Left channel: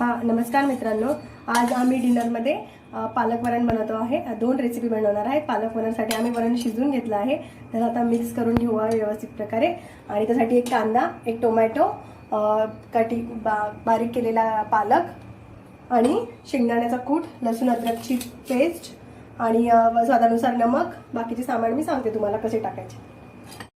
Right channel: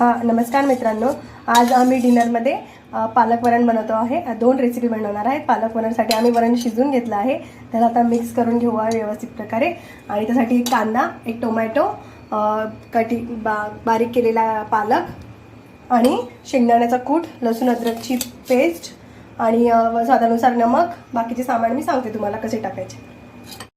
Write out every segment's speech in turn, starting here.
नमस्कार मित्रांनो, आज आम्ही डिनरमध्ये पालक वरण बनवतो आहे। दोन रेसिपी बनवणार आहे। पालक वरणसाठी आम्ही वरण शिजवून घेतलं आहे, त्याला आता मिक्स करून घेऊ व्यवस्थित प्रकारे। आणि त्यासाठी एक कांदा, एक टोमॅटो, बारीक केलेला पालक आणि शेंगदाण्याचा कूट, लसूण अद्रकची पेस्ट आणि स्वादानुसार नमक। बाकीचे सामान मी सांगते तुम्हाला कसे टाकायचे।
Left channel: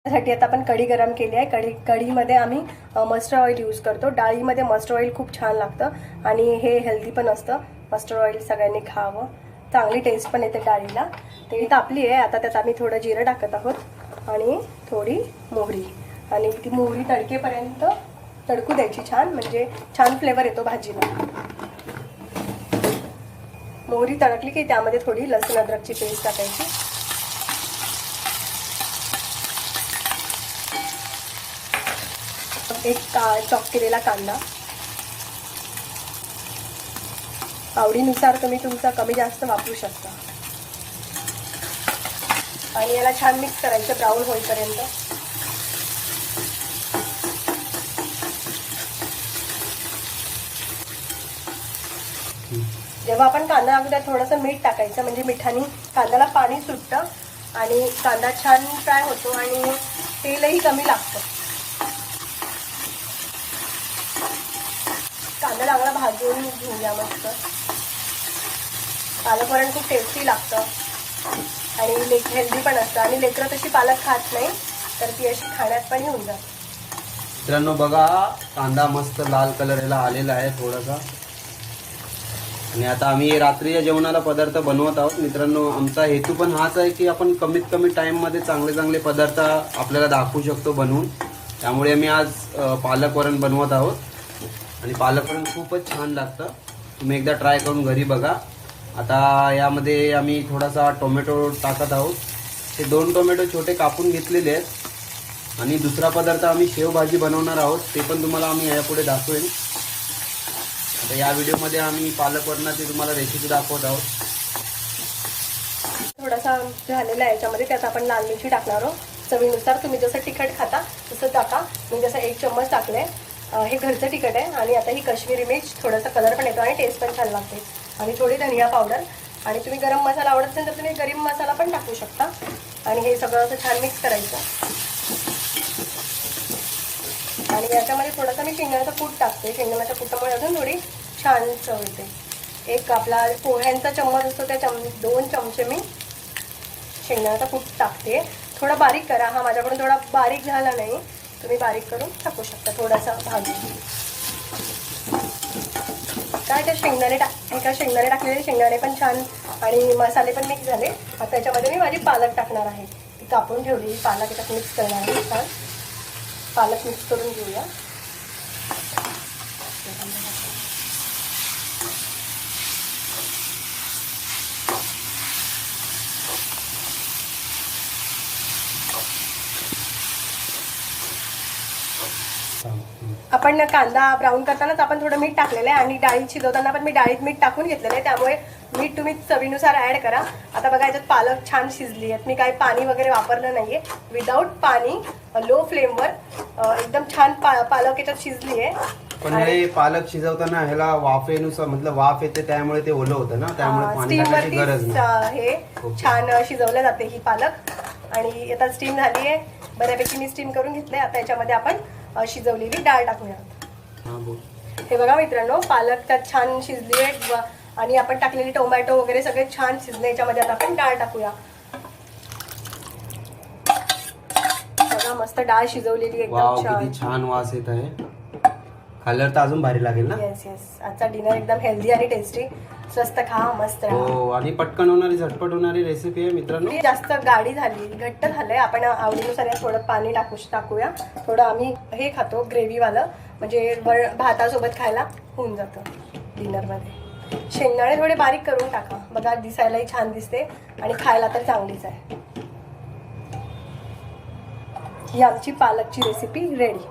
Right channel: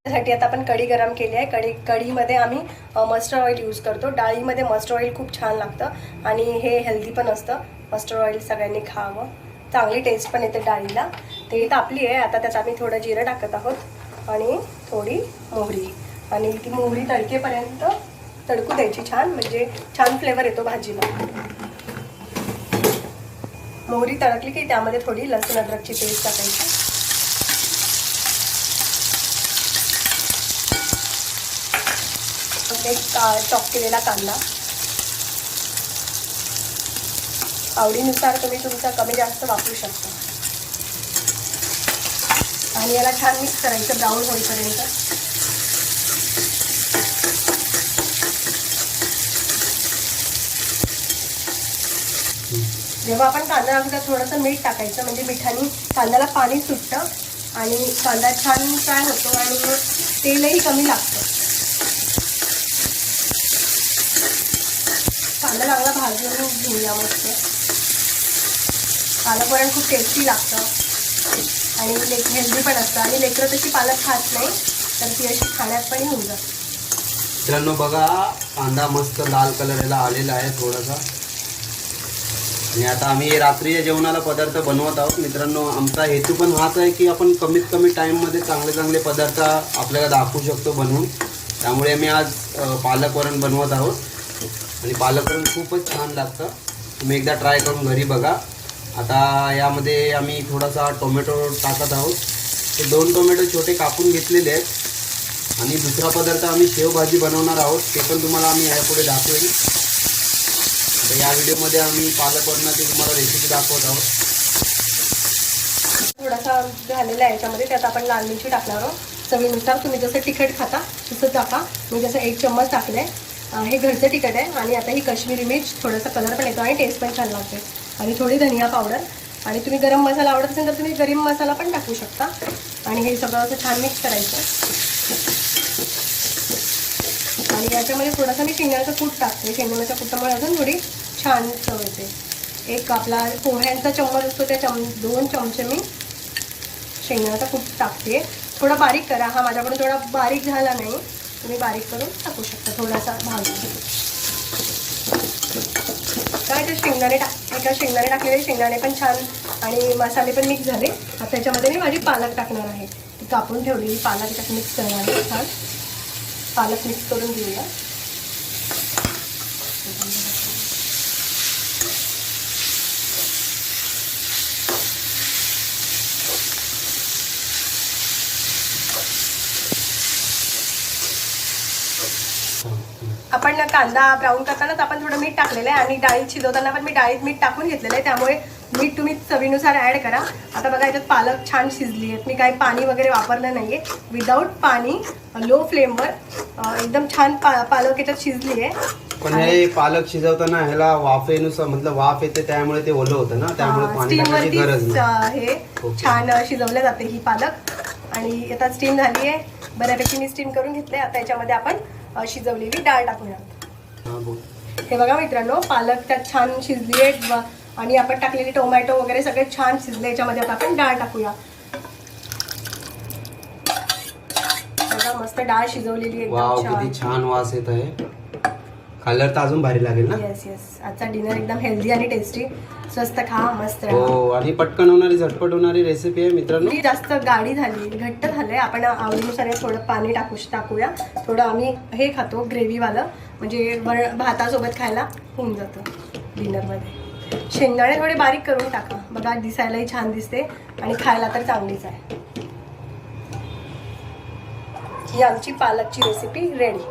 त्यासाठी आता आपण कढी गरम केली आहे। कढीमध्ये आम्ही मस्टर्ड ऑइल यूज करतो। डाळीमध्ये मस्टर्ड ऑइल खूप छान लागतं आणि हे हेल्दी पण असतं। मस्टर्ड ऑइल सगळ्यांनी खावं, चांगली टेस्ट पण येते डाळीला। ते तापली आहे, आता त्यात आम्ही थोडं जिरं टाकत आहोत आणि थोडी मोहरी, आणि ती मोहरी तडकेपर्यंत तडकू द्यायची छान, म्हणजे छान फ्लेवर येतो भाजीला। मोहरी तडकली की त्यामध्ये थोडी लसूण अद्रकची पेस्ट टाकायची, एक चॉप केलेला कांदा। आवडीनुसार तुम्ही तुमचा कमी जास्त वापरू शकता आणि याला छान मिक्स करायचं ब्राऊन होईपर्यंत। जेव्हा आपण कांदा टाकतो त्यात थोडंसं मीठ टाकायचं, म्हणजे मिठाने कांद्याला पाणी सुटतं आणि कांदा छान फ्राय होतो आणि तेलही कमी लागतं। कांदा चांगला भाजून घेऊया मस्त। पालक वरण खूप टेस्टी लागतं आणि हेल्दी पण असतं, आणि लेकरं तशी पालक खात नाही, तर ती अशी खाण्यात पण होऊन जाते। मित्रांनो बघा, कांदा मस्त लाल कलरला आलेला आहे थोडासा। आणि आता आम्ही रात्रीच्या जेवणाला पदार्थ बनवत आहोत। मित्रांनो, आमचा हेतू पण हाच आहे की आपण कमीत कमी टाईममध्ये चांगले चांगले पदार्थ आपल्याला दाखवू शकतो बनवून। त्यामुळे आम्ही आज पालक वरण बनवत आहोत आणि पालक वरण खूपच छान लागतं। तुम्ही एकदा ट्राय करून घरी बघा। आता यामध्ये आम्ही थोडासा टोमॅटो टाकत आहोत। हे 2 टोमॅटो छोटे कापून घेतलेले आहेत। आणि दुसरा पदार्थ आम्ही शेवभाजी बनवणार आहोत, ते पण तुम्हाला आम्ही यापुढे दाखवेन। आता या व्हिडिओमध्ये आम्ही पालक वरणाची तुम्हाला रेसिपी दाखवत आहोत। थोडासा झालेला आहे याच्यामध्ये, त्यात आपण लाल मिरची टाकणार आहोत। चवीनुसार तुम्ही जसं तिखट खाता तसं टाका। मी जसं 1 चम्मच टाकले। हे घरचं तिखट आहे आणि आता ही काश्मीरी मिर्च, थोडासा कलर पण येतो आणि टेस्ट पण छान लागते। आणि थोडी धनिया पावडर, आणि तुम्ही गरम मसाला आवडत असेल तर तुम्ही गरम मसाला पण टाकू शकता। आणि हे सगळं असं छान मिक्स करायचं। आणि याच्यामध्ये थोडासा मी शेंगदाण्याचा कूट टाकते। शेंगदाण्याच्या कूटामुळे अजून थोडी छान चव येते। एक आपला पोह्यांचा चम्मच असतो त्या 2 चमचे मी शेंगदाण्याचा कूट टाकते। थोडा बारीक करा, हा माझ्याकडून थोडा बारीक झाला नाही, तुम्ही बारीक करून टाकू शकता थोडासा भाजून। काय तर शेंगदाणे शेंगदाणे टाकलेले, शेंगदाणे पण छान आणि मसाले पण मिक्स झाले। आता त्याच्यामध्ये मी माझी पालक टाकणार आहे। ती कापून ठेवलेली पालक त्यात मिक्स करणार आहे। छान पालक मिक्स करून घेऊया। आपण कांदा ब्राऊन करतानाच आपण थोडं मीठ टाकलेलं आहे आणि डाळी शिजवताना पण मी डाळीत मीठ टाकून घेतलेलं आहे, त्यामुळे मीठ तुम्ही चवीनुसार ऍड करा। आता बघा, याच्यात पालक छान शिजली आहे। मी काही पाणी वगैरे वापरलं नाहीये, विदाऊट पाणी लो फ्लेमवर एकदम छान पालक याच्यात शिजली आहे। पण हे पालक शिजवताना ह्याला वाफेनुसार, मतलब वाफ येते त्यामुळे ते ओलं होतं ना, त्यामुळे पाणी टाकण्याची गरज नाही। हे छान शिजवले जाते ही पालक। आणि आता स्टीम झाली आहे बऱ्यापैकी, मी स्टीम करून घेतले। आता याच्यामध्ये आपण शिजवलेली डाळ टाकूया। हे बघा मित्रांनो, पालक त्यात छान शिजली आहे आणि आपण टाकलेले टोमॅटो वगैरे सगळे छान शिजले। याच्यामध्ये आता आपण डाळ टाकूया। बघा, मस्त डाळ शिजवलेली आहे, किती छान वास येत आहे। खाल्ल्यावर तर अजून भारी लागेल ना। येस येस, आजचा डिनर एकदम हेल्दी आणि टेस्टी, स्वस्त खा मस्त। हो, आणि पटकन होणारी, झटपट होणारी रेसिपी आहे मित्रांनो। जास्त गाढी झाली, घट्ट झालंय, आपण आवडीनुसार थोडं पाणी टाकूया। थोडं आम्ही हे खातो ग्रेव्ही वालं, म्हणजे भातासोबत खायला होऊन जातं डिनरमध्ये। शेंगदाणे थोडे बारीक करून टाका, बघा दिसायलाही छान दिसते आणि खायला तर चांगलीच आहे। ही आमची पालकची रेसिपी रेडी।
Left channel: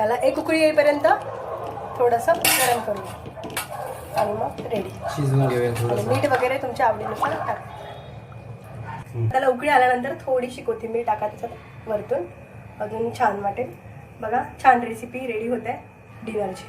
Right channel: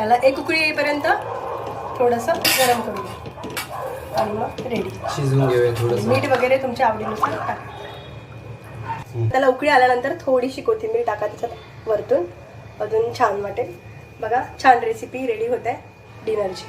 याला एक उकळी येईपर्यंत थोडंसं गरम करूया आणि मग रेडी शिजवून घेऊया थोडंसं। मीठ वगैरे तुमच्या आवडीनुसार टाका। त्याला उकळी आल्यानंतर थोडीशी कोथिंबीर टाका त्याच्यात वरतून, अजून छान वाटेल। बघा, छान रेसिपी रेडी होते डिनरची।